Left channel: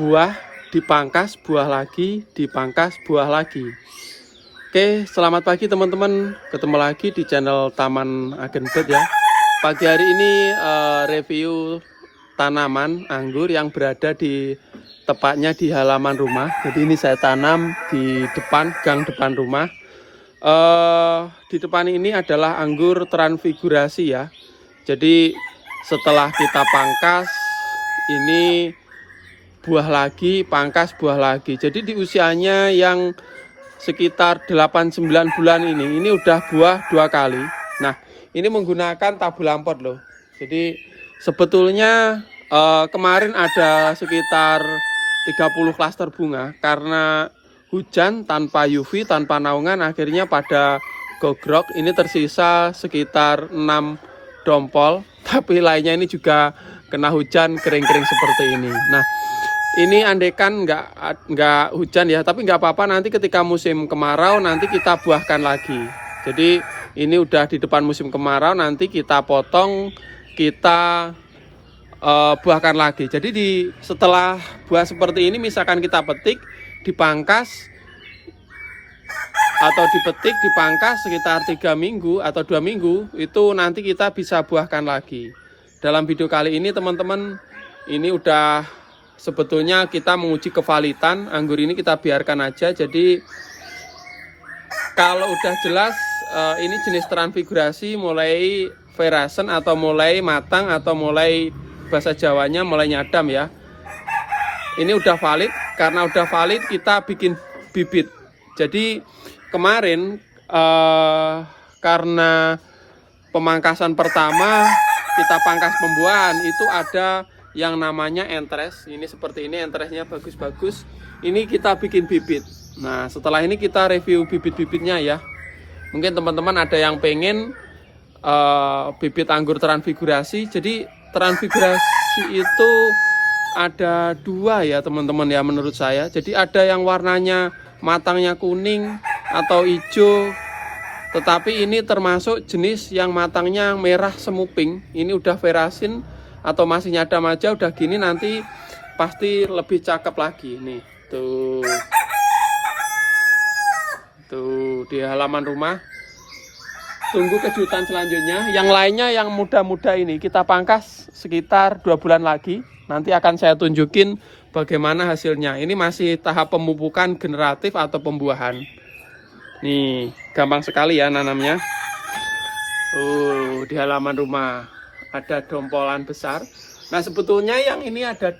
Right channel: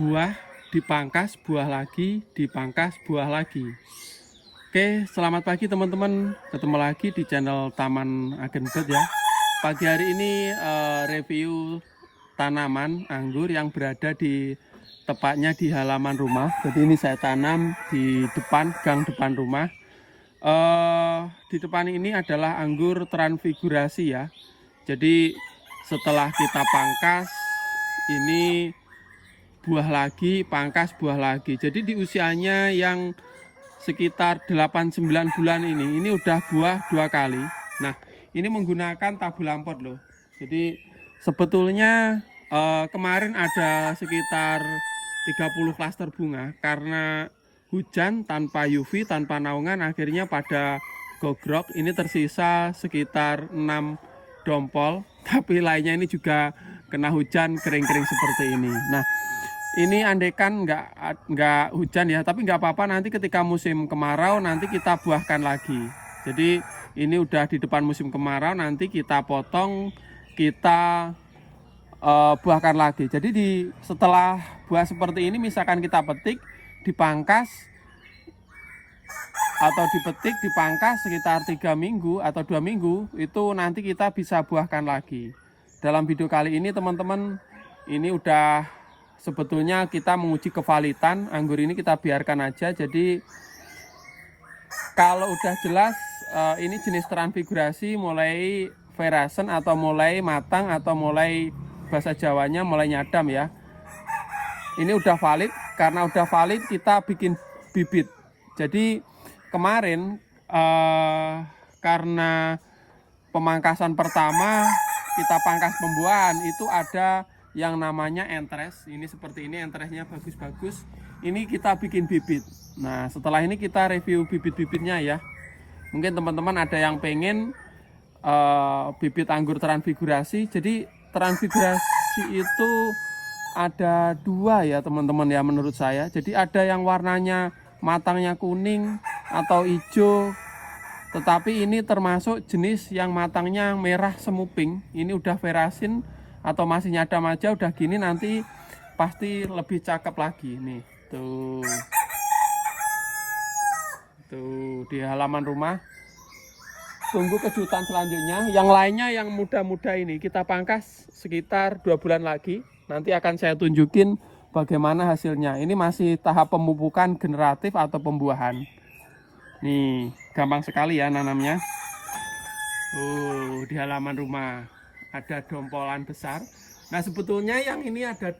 buah dipangkas, buah lagi, dipangkas, buah lagi. Oke, selamat pagi teman-teman. Ketemu lagi di channel Taman Agenbet ya. Pagi hari ini review tanaman anggur yang berada di tepatnya di halaman rumah. Jadi ini saya tanam di depan, gang depan rumah. Di depan ini adalah anggur transfigurasi ya. Jadi setelah kita pangkas, ini buah lagi, pangkas buah lagi. Jadi di usianya yang sekitar 8-9 bulan ini udah buah 2 kali. Nah, ini menggunakan tabu lampot loh. Jadi sebetulnya kemarin ada sekitar 30 klaster bunga karena hujan tanpa UV, tanpa naungan, akhirnya pada gogrok. Ini tersisa sekitar 6 dompol, tapi lainnya ini juga kena hujan kering-kering seperti ini. Nah, ini andekan nggak hujan ya, tapi nggak apa-apa, nanti ketika musim kemarau nanti kita buahkan lagi. Jadi ini udah di depan musim kemarau, nanti kita potong, kita buahkan lagi. Jadi setelah buah seperti ini, misalkan kita petik, dipangkas atau dipetik, dipangkas sekitar 3 minggu atau 2 minggu, itu nanti kita bisa buahkan lagi. Dalam video kali ini teman-teman, ini udah sebetulnya kita menguji kevalitan anggur ini, kita biarkan aja. Jadi kalau udah jelas ini jenis transfigurasi, mulai verasen atau mulai matang atau mulai bahasa Jawanya mulai nyadam ya. Ini udah valid, karena udah valid kita bikin bibit. Jadi kemarin karena pemangkasan pertama kita pangkas pembuahan, itu ada yang namanya entres. Ini seperti ini, entresnya bagus-bagus. Ini kita bikin bibit. Nah, setelah ini kita review bibit-bibitnya ya. Mungkin teman-teman ada yang pengen bibit anggur transfigurasi. Jadi transfigurasi itu ada 2 ya teman-teman ya, menurut saya. Jadi ada yang warnanya matangnya kuning atau hijau, tetapi ini termasuk jenis yang matangnya merah semu pink. Ini udah verasin atau masih nyadam aja, udah gini nanti pasti lebih cakep lagi nih. Tuh di halaman rumah. Tunggu kejutan selanjutnya. Yang lainnya yang muda-muda ini kita pangkas sekitar 2 bulan lagi. Nanti akan saya tunjukin bagaimana hasilnya. Ini masih tahap pemupukan generatif atau pembuahan. Nih, gampang sekali ya nanamnya. Di halaman rumah ada dompolan besar. Nah, sebetulnya yang ini ada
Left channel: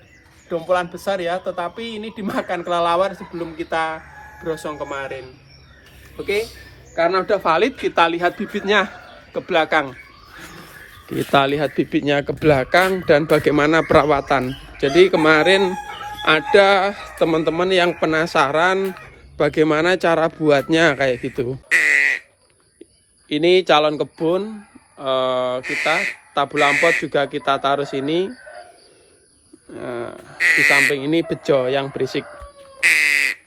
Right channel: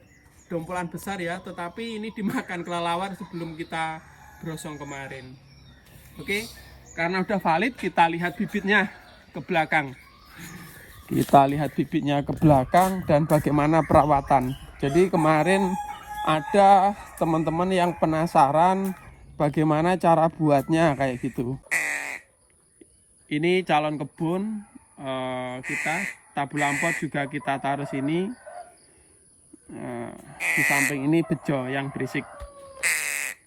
dompolan besar ya, tetapi ini dimakan kelelawar sebelum kita brosong kemarin. Oke, karena udah valid, kita lihat bibitnya ke belakang. Kita lihat bibitnya ke belakang dan bagaimana perawatan. Jadi kemarin ada teman-teman yang penasaran bagaimana cara buatnya kayak gitu. Ini calon kebun kita, tabu lampot juga kita taruh sini. Di samping ini bejo yang berisik.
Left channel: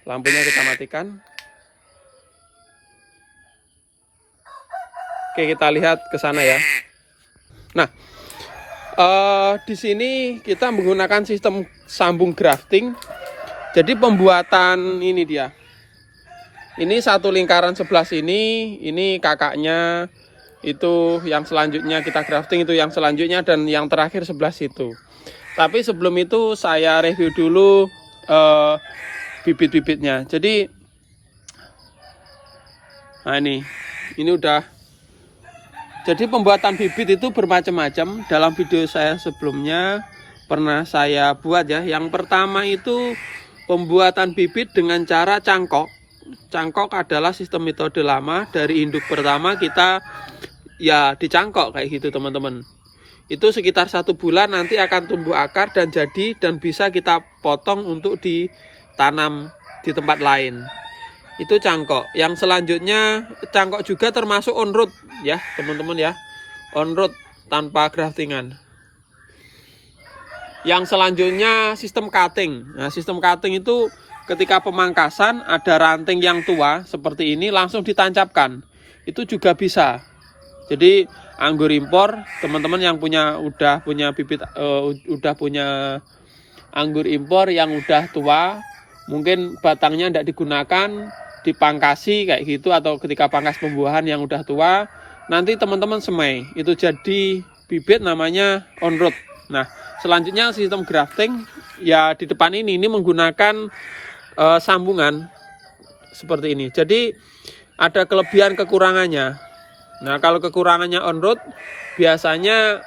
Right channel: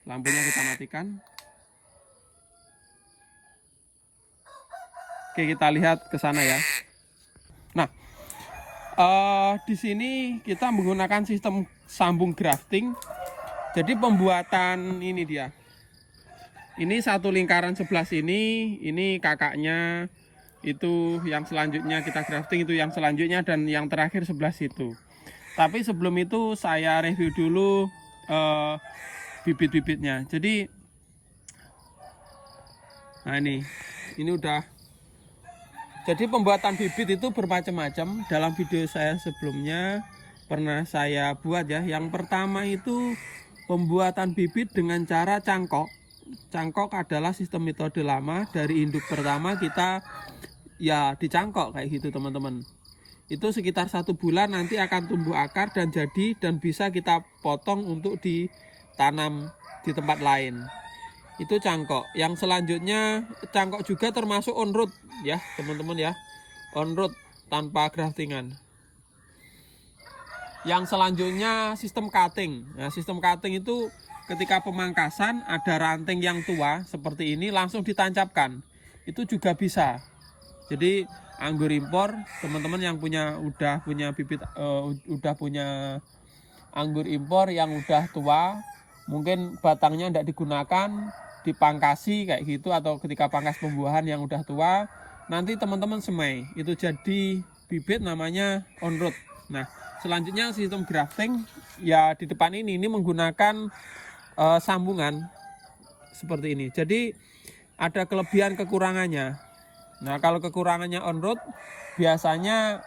Lampunya kita matikan. Oke, kita lihat ke sana ya. Nah, di sini kita menggunakan sistem sambung grafting. Jadi pembuatan ini dia. Ini satu lingkaran sebelah sini, ini kakaknya, itu yang selanjutnya kita grafting, itu yang selanjutnya, dan yang terakhir sebelah situ. Tapi sebelum itu saya review dulu bibit-bibitnya. Jadi nah ini udah. Jadi pembuatan bibit itu bermacam-macam. Dalam video saya sebelumnya pernah saya buat ya. Yang pertama itu pembuatan bibit dengan cara cangkok. Cangkok adalah sistem metode lama. Dari induk pertama kita ya dicangkok kayak gitu teman-teman. Itu sekitar 1 bulan nanti akan tumbuh akar dan jadi, dan bisa kita potong untuk ditanam di tempat lain. Itu cangkok. Yang selanjutnya cangkok juga termasuk on root ya teman-teman ya. On root tanpa graftingan. Yang selanjutnya sistem cutting. Nah, sistem cutting itu ketika pemangkasan ada ranting yang tua seperti ini langsung ditancapkan. Itu juga bisa. Jadi anggur impor, teman-teman yang udah punya bibit, udah punya anggur impor yang udah tua, mungkin batangnya tidak digunakan, dipangkasi kayak gitu, atau ketika pangkas pembuahan yang udah tua, nanti teman-teman semai, itu jadi bibit namanya on root. Nah, selanjutnya sistem grafting ya di depan ini menggunakan sambungan seperti ini. Jadi ada kelebihan kekurangannya. Nah, kalau kekurangannya on root biasanya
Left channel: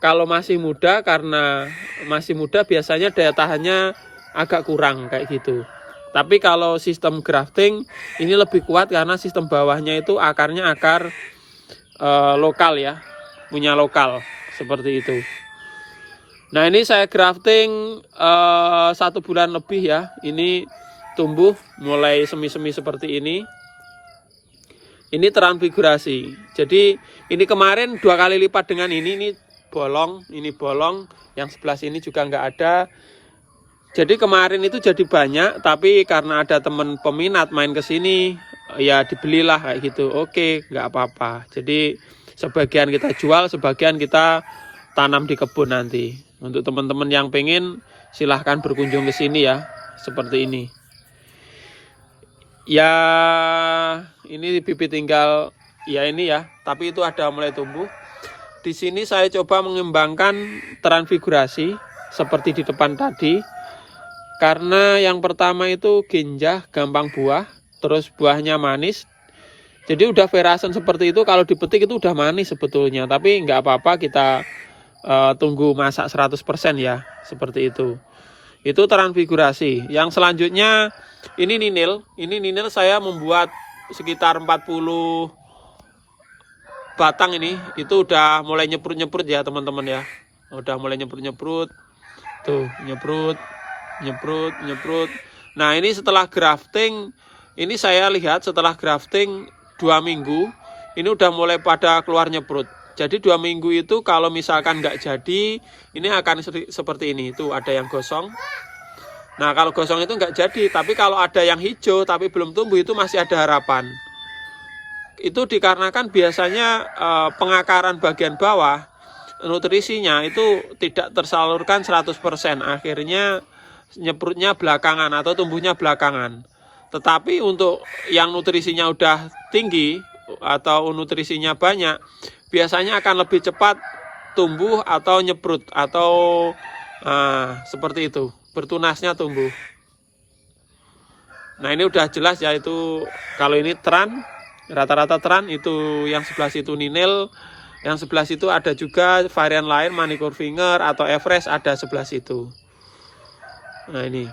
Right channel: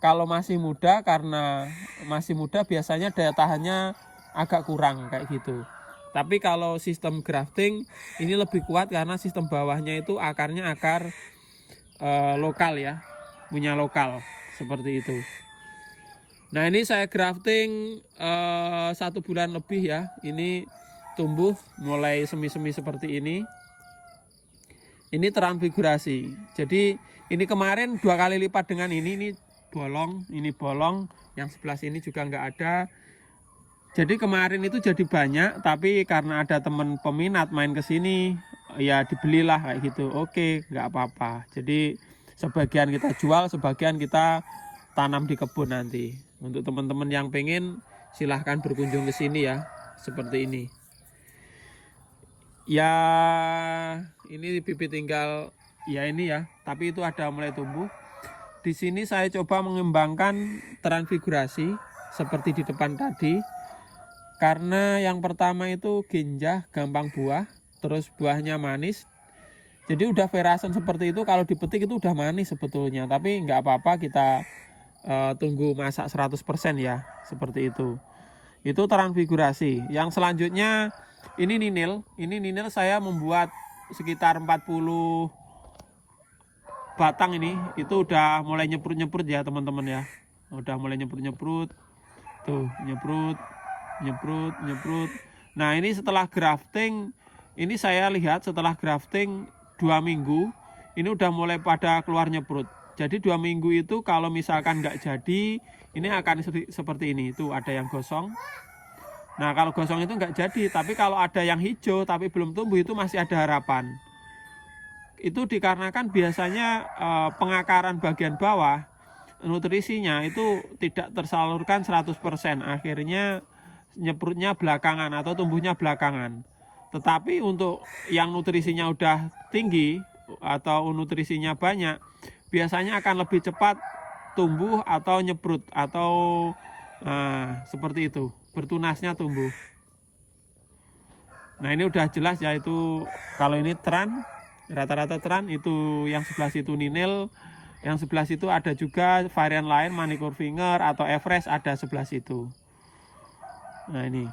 kalau masih muda, karena masih muda biasanya daya tahannya agak kurang kayak gitu. Tapi kalau sistem grafting ini lebih kuat karena sistem bawahnya itu akarnya akar lokal ya, punya lokal seperti itu. Nah, ini saya grafting 1 bulan lebih ya. Ini tumbuh mulai semi-semi seperti ini. Ini transfigurasi. Jadi ini kemarin 2 kali lipat dengan ini bolong, yang sebelah sini juga nggak ada. Jadi kemarin itu jadi banyak, tapi karena ada teman peminat main ke sini, ya dibelilah kayak gitu. Oke, nggak apa-apa. Jadi sebagian kita jual, sebagian kita tanam di kebun nanti. Untuk teman-teman yang pengen, silahkan berkunjung ke sini ya, seperti ini. Ya, ini bibit tinggal ya ini ya, tapi itu ada mulai tumbuh. Di sini saya coba mengembangkan transfigurasi seperti di depan tadi. Karena yang pertama itu ginjah, gampang buah, terus buahnya manis. Jadi udah verasen seperti itu, kalau dipetik itu udah manis sebetulnya. Tapi nggak apa-apa, kita tunggu masak 100% ya, seperti itu. Itu transfigurasi. Yang selanjutnya ini ninil. Ini ninil saya membuat sekitar 40 batang ini. Itu udah mulai nyeprut-nyeprut ya teman-teman ya. Udah mulai nyeprut-nyeprut. Tuh, nyeprut. Nah, ini setelah grafting, ini saya lihat setelah grafting 2 minggu, ini udah mulai pada keluar nyeprut. Jadi 2 minggu itu kalau misalkan nggak jadi, ini akan seperti ini. Itu ada yang gosong. Nah, kalau gosong itu nggak jadi, tapi kalau ada yang hijau tapi belum tumbuh, itu masih ada harapan. Itu dikarenakan biasanya pengakaran bagian bawah, nutrisinya itu tidak tersalurkan 100%. Akhirnya nyeprutnya belakangan atau tumbuhnya belakangan. Tetapi untuk yang nutrisinya udah tinggi atau nutrisinya banyak, biasanya akan lebih cepat tumbuh atau nyeprut atau seperti itu, bertunasnya tumbuh. Nah, ini udah jelas ya, itu kalau ini tran, rata-rata tran, itu yang sebelah situ ninil, yang sebelah situ ada juga varian lain manicure finger atau Everest, ada sebelah situ. Nah, ini.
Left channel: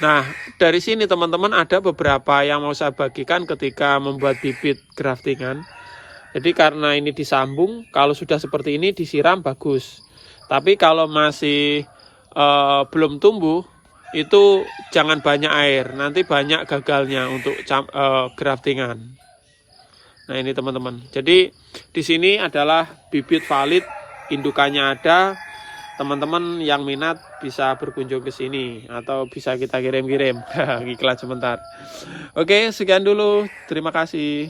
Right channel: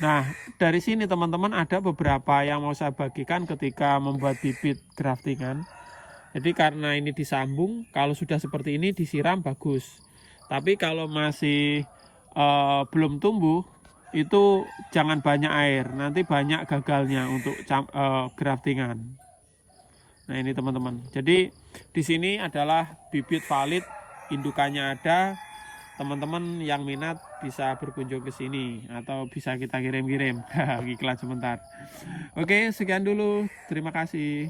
Nah, dari sini teman-teman ada beberapa yang mau saya bagikan ketika membuat bibit graftingan. Jadi karena ini disambung, kalau sudah seperti ini disiram bagus. Tapi kalau masih belum tumbuh, itu jangan banyak air, nanti banyak gagalnya untuk graftingan. Nah, ini teman-teman. Jadi di sini adalah bibit valid, indukannya ada. Teman-teman yang minat bisa berkunjung ke sini atau bisa kita kirim-kirim. Iklan sebentar. Oke, sekian dulu. Terima kasih.